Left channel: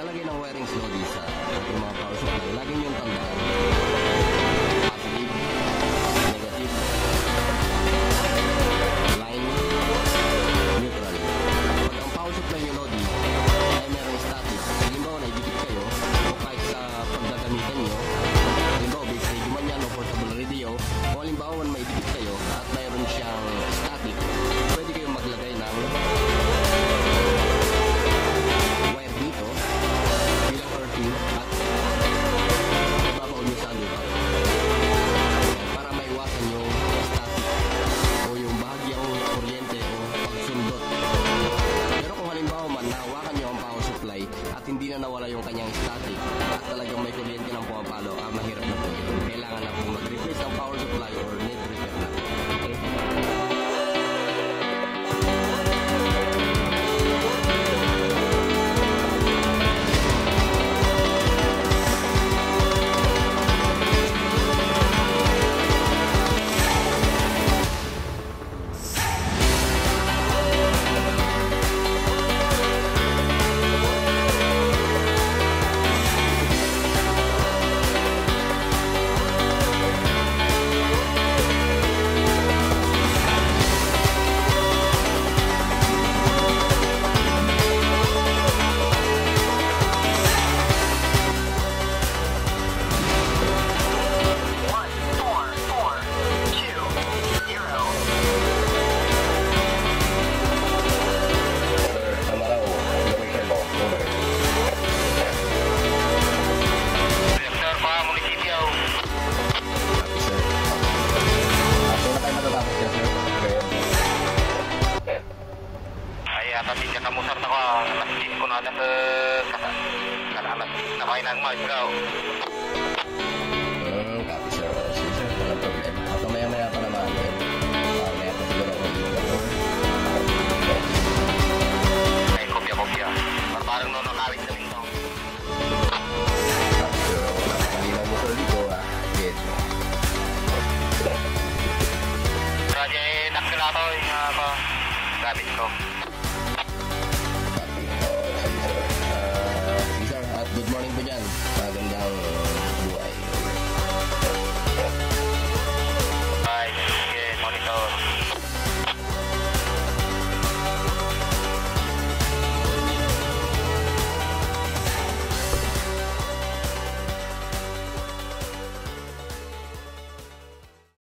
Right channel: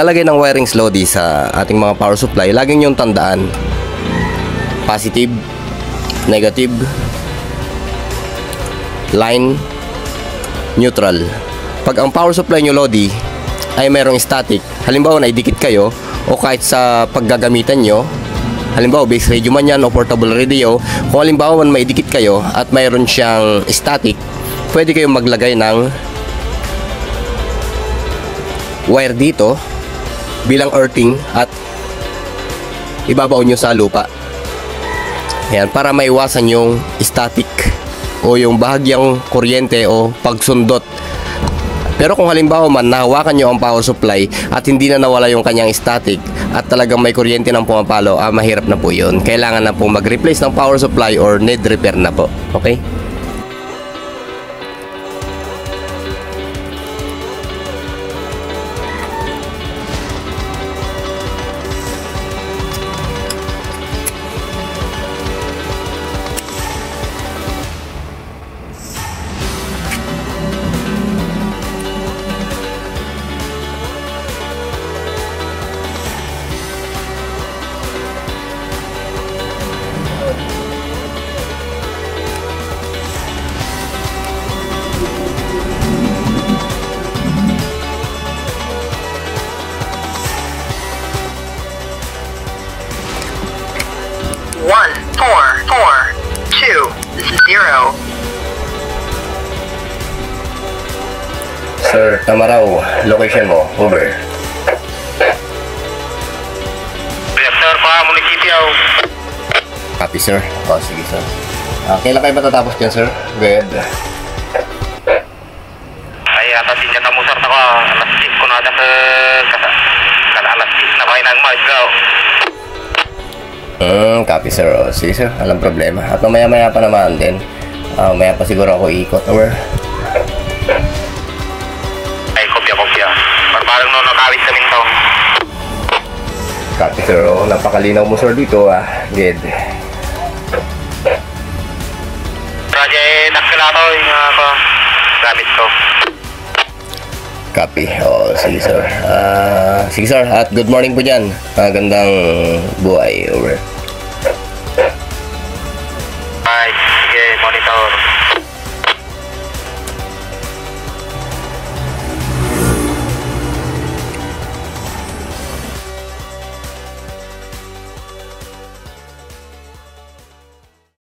paglalagay ng wirings Lodi sa ating mga power supply, laging yung tandaan positive, negative, line, neutral. Pag ang power supply nyo Lodi ay mayroong static, halimbawa na idikit kayo o kahit sa paggagamitan nyo, halimbawa base radio man yan o portable radio, kung halimbawa man may idikit kayo at mayroon siyang static, pwede kayong maglagay ng wire dito bilang earthing at ibabaw nyo sa lupa. Yan, para maiwasan yung static o yung bahagyang kuryente o pagsundot. Pero kung halimbawa man nahawakan nyo ang power supply at hindi na nawala yung kanyang static at talagang may kuryente ng pumapalo, mahirap na po yun. Kailangan na pong mag-replace ng power supply or need repair na po. Okay? Sir, tama raw. Location mo. Over. Yes, sir. Munisipyo. Copy, sir. Sige, sir. Kailan kayo matatapos dyan, sir? Good. Ay, atasin niya tamusar na ko. Alas 10 ko na sa alas 10 na kayo ng Margaw. Copy, sir. Sige, sir. Walang problema. At mamaya-maya pa naman din. Maya pa siguro ako ikot. Over. Kopya. Parang no nakawit sa minto. Copy, sir. Napakalinaw mo, sir, dito. Good. Project Daxilato yung gamit ko. Copy. Sige, sir. Sige, sir. At good morning po dyan. Magandang buhay. Over. Ay, sige, monitor.